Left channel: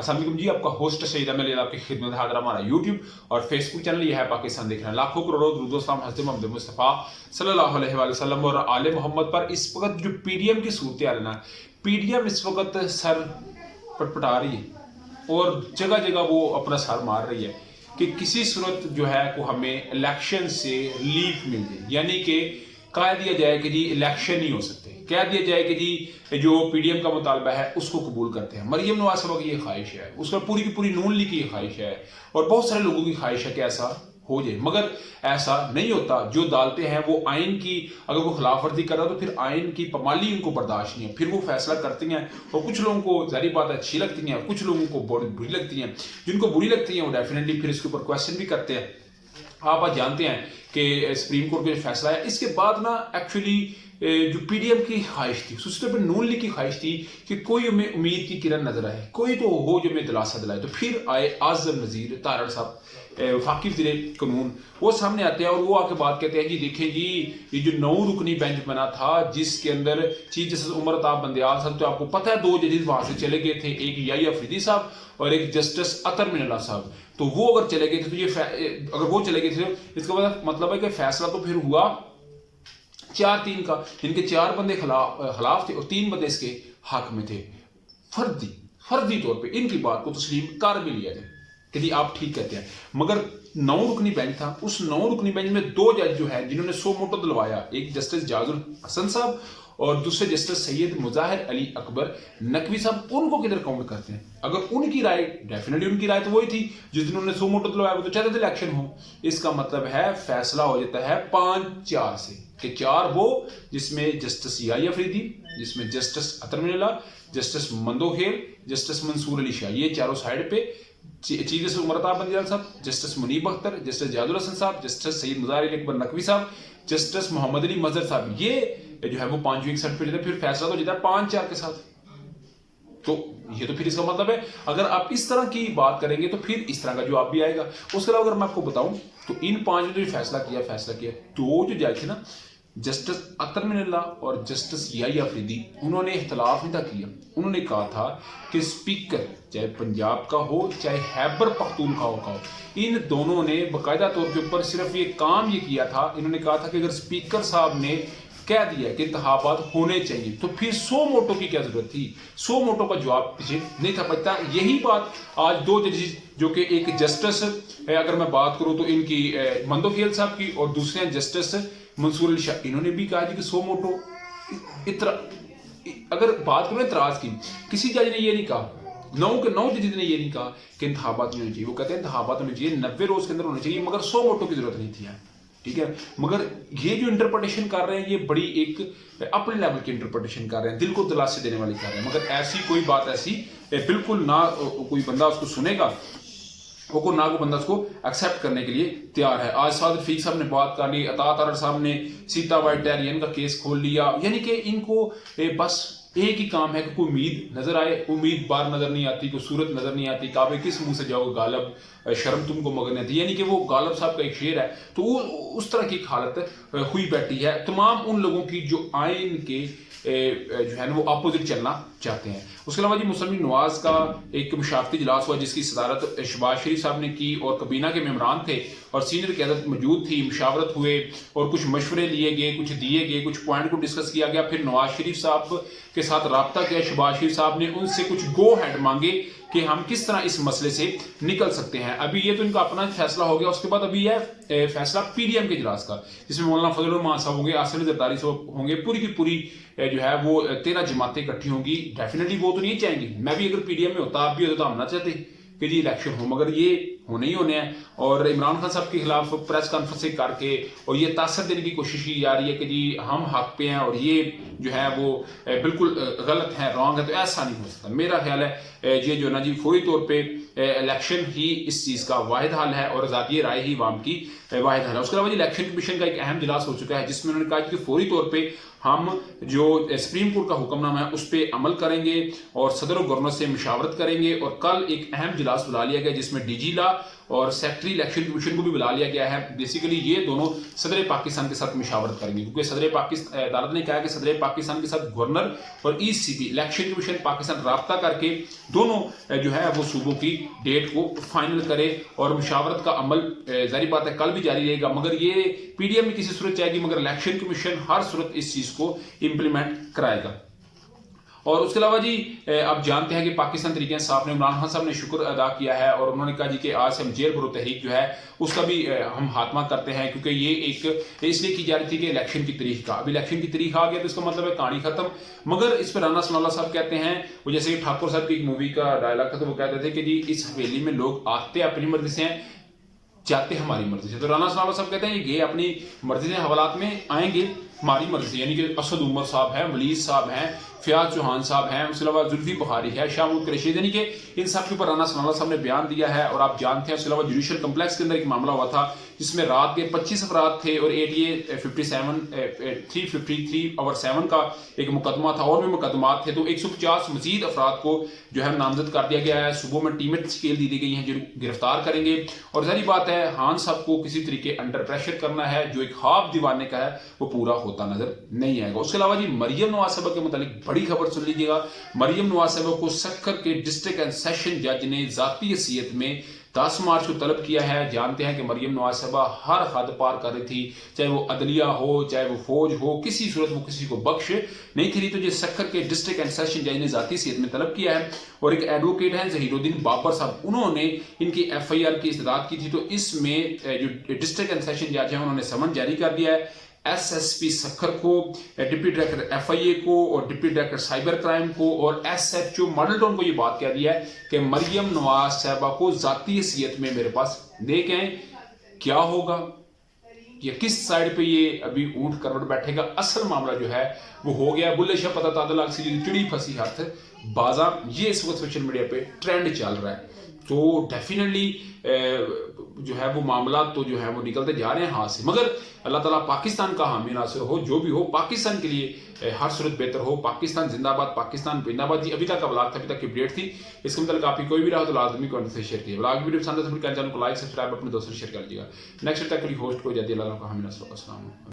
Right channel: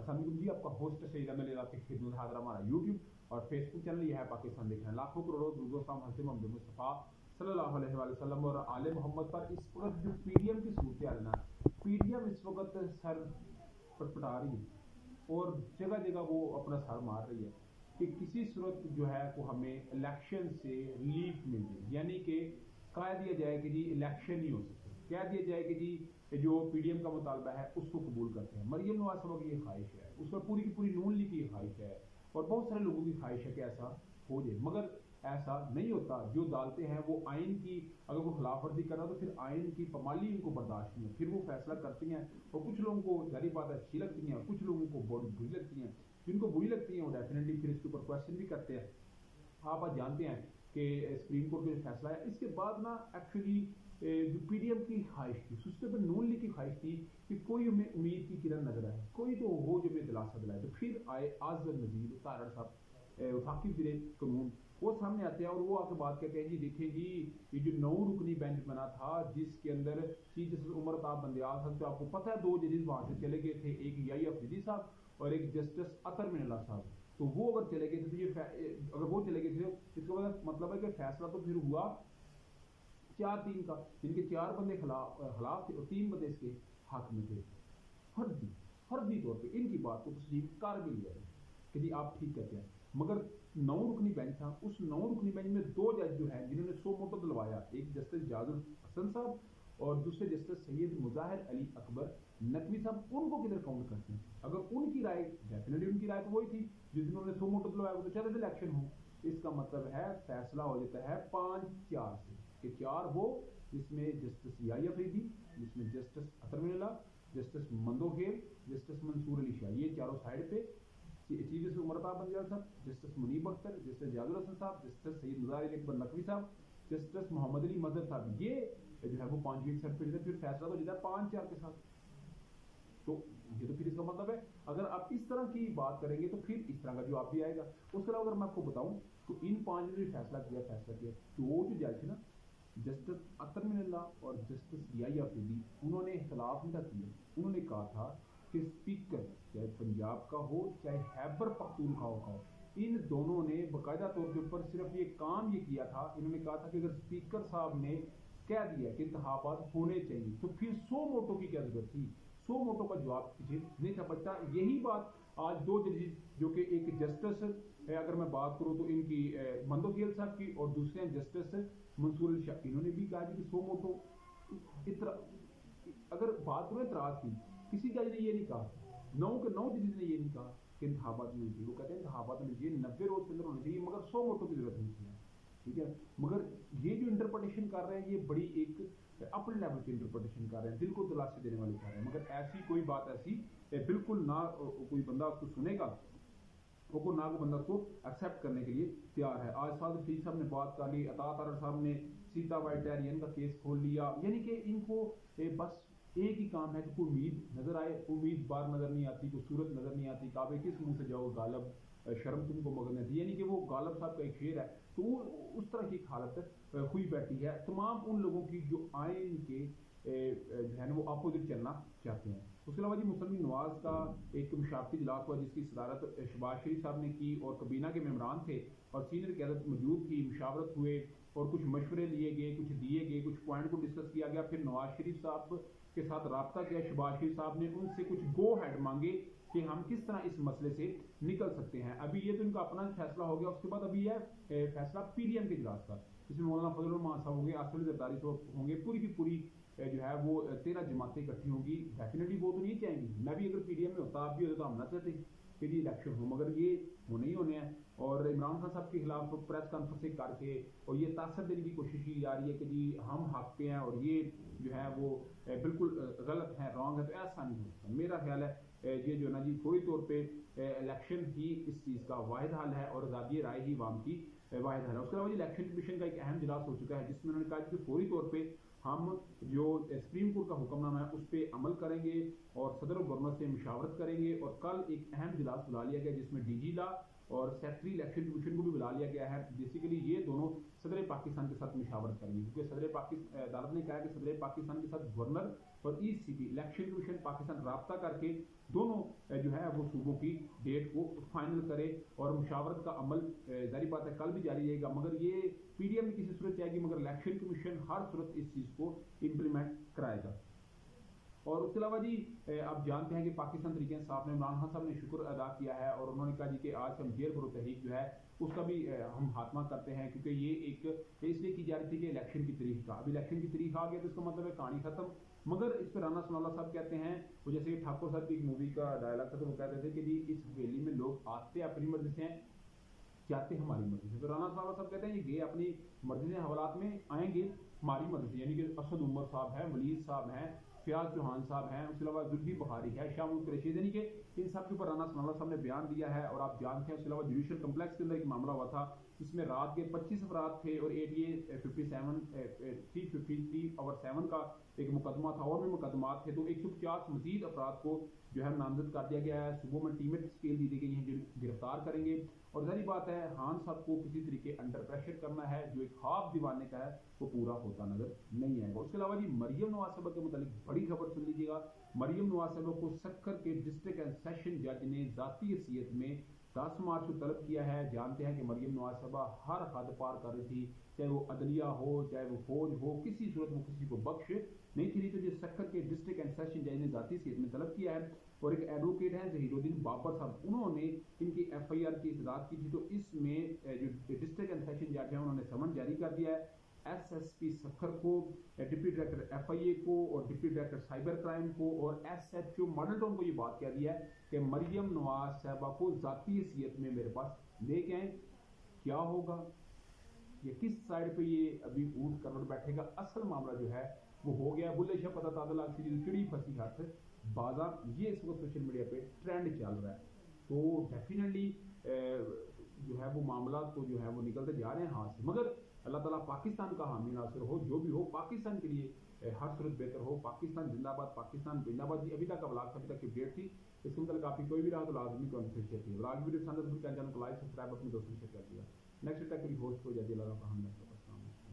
अस्सलाम वालेकुम जी, आपका होस्ट सईद अमीर आपकी खिदमत हाजिर हमारा यूट्यूब और फेसबुक चैनल ये है पाकिस्तान देख रहे हैं। लाखों करोड़ों दुरूद व सलाम हज़रत मोहम्मद मुस्तफ़ा सल्लल्लाहु अलैहि वसल्लम और आले मोहम्मद पर। इस वक्त जो पीडीएम की सूरत है ना, पीडीएम इस वक्त सर पटपटा रही है और जगह जगह वो अपना सर मार रही है कि किसी सूरत जो है को हमें इलेक्शन से रिलीफ मिल जाए, यानी कि कह दिया जाए कि जी इलेक्शन नहीं हो सकते, कह दिया जाए कि जी जो पीडीएम का मुतालबा है उसको कबूल करते हैं। मरियम नवाज साहबा की ये ख्वाहिश है, उसका पूरी की पूरी नून लीग की ख्वाहिश है और बहुत सारे लोगों की ख्वाहिश है कि ऐसा हो जाए, मगर ऐसा नहीं होता। जो अदालतें हैं वो आइन की, अगर वो खिलाफ वर्जी कर रहा तो फिर आइन की पमाली उनको बर्दाश्त नहीं है, फिर वो फैसला करती हैं और कुछ लोगों को जारी बात अच्छी लगती हैं, कुछ लोगों को बुरी लगती हैं। जिनको बुरी लगती हैं वो डेफिनेटली फिर इसके ऊपर क्वेश्चन भी करते हैं। आप आज जानते हैं कि सुप्रीम कोर्ट का जो फैसला है इसके बाद ना एक्चुअली जो पीडीएम की ख्वाहिश थी, उसके ऊपर नून लीग की ख्वाहिश थी कि कोई हमें उम्मीद की किरण नजर आए, कोई तो हो जो हमें दिलासा दिलाए। तो फिर आए आज़म नज़ीर तारड़ साहब, वफाकी वज़ीर कानून, वो सामने आते हैं और वो आके बात कहते हैं कि देखिए जी ये जो 9 रुकनी बेंच बना था जिसके अंदर चीफ जस्टिस उमर अताब बंदयाल साहब, तो आपको पता है 2 जजेस वहां से चले गए थे, एक याहिया अफरीदी साहब और एक जस्टिस अतर मिनल्ला साहब। तो वो अगर चले गए थे तो ये अगर वो चले गए थे इसका मतलब है कि फैसला तो फिर हुआ 4-3 का, जिनके 4 बंदे खिलाफ थे और 3 बंदे इसके हक में थे। फर्जी तौर पे इनकी बात को तस्लीम कर भी लिया जाए कि जी आप ठीक कहते हैं, मगर 9 रुकनी बेंच था, उस 9 रुकनी बेंच में 2 जज जो है जिन्होंने सो मोटो दिलवाया, एक जस्टिस जाजुल हसन साहब और दूसरे जस्टिस सैयद मुजाहिर अली अकबर नकवी साहब, उनको किधर काउंट करते हैं? अगर उनकी राय, डेफिनेटली उनकी राय तो वही थी जिस दिन उन्होंने सो मोटो दिलवाया, वो तो चाहते थे इलेक्शन हो। इसका मतलब है फैसला हो जाता है 5-4 से, कि 4 वो जिसमें जस्टिस याहिया अफरीदी, जिसमें जस्टिस अतर मिनल्ला, जस्टिस मंदोखेल, जस्टिस मंसूर अली शाह, ये चारों साइड पे, चीफ जस्टिस उमर अताब बंदयाल साहब, जस्टिस मुनीब अख्तर, जस्टिस जाजुल हसन साहब, जस्टिस सैयद मुजाहिर अली अकबर नकवी साहब, जस्टिस मोहम्मद अली मजहर साहब, ये जो है वो 5वीं एकसठ पे फिर फैसला तो जाता है 5-4 के साथ। तो ये तो फिर इसका मतलब है अगर आप इस तरह की बात करेंगे तो फिर इस तरह का जवाब भी आएगा। उसके अलावा अगर मैं आपको बताऊं तो इन 5 ने जो फैसला किया 2 जो जज थे ना, जस्टिस अतर मिनल्ला और जस्टिस याहिया अफरीदी, उन्होंने इख्तलाफ नहीं था किया। उन्होंने कहा था कि स्पीकर चाहे पंजाब का हो चाहे खैबर पख्तूनख्वा का हो, इन दोनों ने बाकायदा तौर के ऊपर सिर्फ ये काम ये किया था, इन्होंने कहा था कि अगर स्पीकर साहब ने कह दिया कि इंतखाबात होने चाहिए तो फिर 100 मोटो की क्या जरूरत थी? 100 मोटो का जवाब पीछे नहीं था बचता। यही बात आज 2 जजेस जो कि एक जस्टिस अगर मैं बात करूं तो इनकी मंदोखेल साहब की और दूसरे जस्टिस मंसूर अली शाह, इन्होंने भी कहा कि 100 मोटो अगर बात करें इतराज की, किसी जज ने ये नहीं कहा, 9 जजेस ने ये नहीं कहा कि इंतखाबात नहीं होने चाहिए। वो कहते हैं इंतखाबात होने चाहिए, 90 रोज के अंदर होने चाहिए, मगर 100 मोटो की जरूरत नहीं थी। ठीक है, मगर ये जो इंटरप्रिटेशन कर रहे हैं ये बड़ी एक अपने लेवल की इंटरप्रिटेशन कर रहे हैं, दिल को दिलासे देने वाली कर रहे हैं, मगर ऐसी कोई बात ऐसी बिल्कुल ना कोई बंदा उसको सुनेगा, वो ना को बंदा उसको एक्सेप्ट करने के लिए तैयार है। आज साद रफीक साहब ने बात कर ली, अता तारड़ साहब ने सीता वाइटेरियन का केस खोल लिया, यानी कि इनको बस एक ही काम है कि कोई उम्मीद नजर आए, उम्मीद बार नजर नहीं आती, कोई सूरत नजर नहीं आती, काबे किस मुंह से जाओगे गालब, शर्म तुमको मगर नहीं आती, यानी कि वो गालब साहब का एक शेर है। तो वो उस तरह की हालत हुई बैठी है तमाम उन लोगों की जो आइन के जो है ना वो अपोजिट चलना चाहते हैं। उसके अलावा जी मुसलमान नवाज का एक मुशावरती इजलास हुआ जिसकी सदारत शहबाज शरीफ साहब ने की और कबीना के मेम्बरान थे और सीनियर क़यादत मौजूद थी, मुशावरत हुए और कुछ मशवरे लिए गए, कुछ दिए गए, कुछ पॉइंट को डिस्कस किया गया। फिर नवाज शरीफ साहब के साथ रब्ता किया शहबाज शरीफ साहब ने, उनसे कुछ गो हेड मांगे कि हम किस तरह इस मसले से निकल सकते हैं। अभी ये तो इनका अपना फैसला हो गया, उसके बाद अभी है फैसला पीडीएम के इजलास का, जिसमें मौलाना फजल रहमान साहब होंगे, आसिफ जरदारी साहब होंगे, पूरी की पूरी जो है वो 13 जमातें इकट्ठी होंगी। डेफिनेटली वो तो नहीं चाहेंगी, मैं भी अगर पीडीएम में होता, आप भी होता तो हम ना चाहते कि जी इलेक्शन हो, मगर ये होने ही होने हैं। और इमरान खान साहब के खिलाफ प्रेस कॉन्फ्रेंस करके और ये तासर देने की कोशिश की जा रही है कि जी हम हक पे हैं और ये जो है वो बिल्कुल गलत है, रॉन्ग है, तो ऐसा नहीं हो सकता। मेरा ख्याल है ये जो ना जी फौरी तौर पे इलेक्शन ही इस चीज़ का वाहिद हल है और आज़ादी राय ही वाम की वाहिद हल है। उसके अलावा जी इलेक्शन कमीशन का एक अहम इजलास हो चुका है जिसमें उन्होंने कहा कि फौरी तौर पर हम जो सुप्रीम कोर्ट का हुक्मनामा है उस पर अमल करेंगे और सदर और गवर्नर से मुशावरत करेंगे। और कल एक अहम इजलास बुला लिया गया जिसमें डीजी ला और सेक्रेटरी इलेक्शन कमीशन को भी बुला लिया गया है। बेसिकली ये दोनों सदर पाकिस्तान के साथ मशावरत करेंगे, क्योंकि सदर पाकिस्तान अदालत ने कहा है कि सदर पाकिस्तान के साथ गवर्नर और ECB इलेक्शन कमीशन पाकिस्तान राब्ता करके दोनों जो है वो सूबों की डेट को फाइनल करे और मुशावरत का अमल जारी बात है कल भी जारी रहेगा, मगर ये PDM में किसी सूरत जाएगी, मगर इलेक्शन कमीशन हर सूरत इस चीज़ को इम्प्लीमेंट कराएगा। और उसके अलावा जी आप जानते हैं कि पाकिस्तान तहरीक इंसाफ ने इमरान खान साहब ने शुक्र अदा किया है और उन्होंने कहा जी कि आज से हम जेल भरो तहरीक जो है उसका भी हम खात्मा करते हैं, क्योंकि ये एक इसलिए की जा रही थी कि इलेक्शन की तारीख का, अब इलेक्शन की तारीख आ गया तो इसका मतलब है कहानी खत्म। मगर इस पर राना सनाउल्लाह साहब कहते हैं, वो जैसे ठाकुर साहब की एक मूवी का डायलॉग था तो वो कहते थे कि जी इस हवेली में लोग आते अपनी मर्जी से हैं, जाते हमारी मर्जी से। तो राना सनाउल्लाह साहब कहते हैं ये अपनी मर्जी से हवालात में आएंगे हमारी मर्जी, यानी कि असद उमर साहब हैं, मलीज साहब हैं, फयाज चौहान साहब हैं, उसके अलावा जुल्फी बुखारी है, शाहमूद कुरैशी, यानी कि इन सब के ऊपर राना सनाउल्लाह साहब ने बयान दिया है। और आप जानते हैं उसके अलावा जुडिशल कम्प्लेक्स के अंदर एक मामला हुआ था जिसमें रात के 25 अफराद थे और ADA 353 और 7 का एक मुकदमा था और भी मुकदमात थे, तो 150 मजीद अफराद को जो है नामजद कर दिया गया है। सुबह में टीमें स्केल दी गई हैं जो गिरफ्तार करेंगे। और जाहिर बात है खान साहब को किसी तरीके अंडर प्रेशर करना है, जो एक ख्वाब दीवाने का है वो पूरा होता नजर नहीं आएगा। उसके अलावा जी मरियम नवाज साहबा के मुतालिक बड़ी खबर सुन लीजिएगा। मरियम नवाज साहबा को सक्खर के डिस्ट्रिक्ट एंड सेशन जज ने जाती हैसियत में 10 मार्च को तलब किया है। जानते हैं कि मरियम नवाज साहबा हर हद पार कर रही थी, चाहे वो अदलिया हो चाहे वो फौज हो, किसी सूरत वो किसी को बख्श नहीं थी। तो ये सक्खर के डिस्ट्रिक्ट एंड सेशन जज ने जाती हैसियत में तलब किया है। और एक एडवोकेट है जहीरुद्दीन बाबर साहब, उन्होंने इनकी FIR की इस्तदाद की थी। तो इसमें जो डिस्ट्रिक्ट एंड सेशन जज है उन्होंने समन जारी कर दिया है SSP सक्खर को, डिप्टी डायरेक्टर FIA को और डिप्टी डायरेक्टर साइबर क्राइम को और SHO मॉडल टाउन को ये बात कह दी है कि मरियम नवाज साहबा को जाती हैसियत में मेरे पास लेके आए। क्या होगा या किस साइड पे ये अभी ऊंट करवट बैठेगा, असल मामला जो है वो हो गया। बुल्ले शाह पता तादल सी चिड़ी फंसी हाथ बाजा, ये इस वक्त सोशल मीडिया पे ट्रेंड चल रहा है। तो डेफिनेटली जो है वो मामला तो जो है वो निकलते जा रहे हैं हाथ से, मगर अल्लाह ताला पाकिस्तान का हामी नासिर हो, जो भी हो पाकिस्तान के लिए हर सूरत बेहतर हो। पाकिस्तान जिंदाबाद, पाकिस्तान जिंदाबाद जी। अभी तक का ब्लॉग था, अभी तक की अपडेट थी, इसके मतलब आपकी कोई भी रहा तो लाजमी कमेंट से शेयर कीजिए। ब्लॉग वीडियो पसंद है तो चैनल को लाइक सब्सक्राइब अपने दोस्तों से शेयर कर लीजिएगा। नेक्स्ट तक होस्ट को जल्दी अल्लाह का हामी नासिर। अस्सलाम।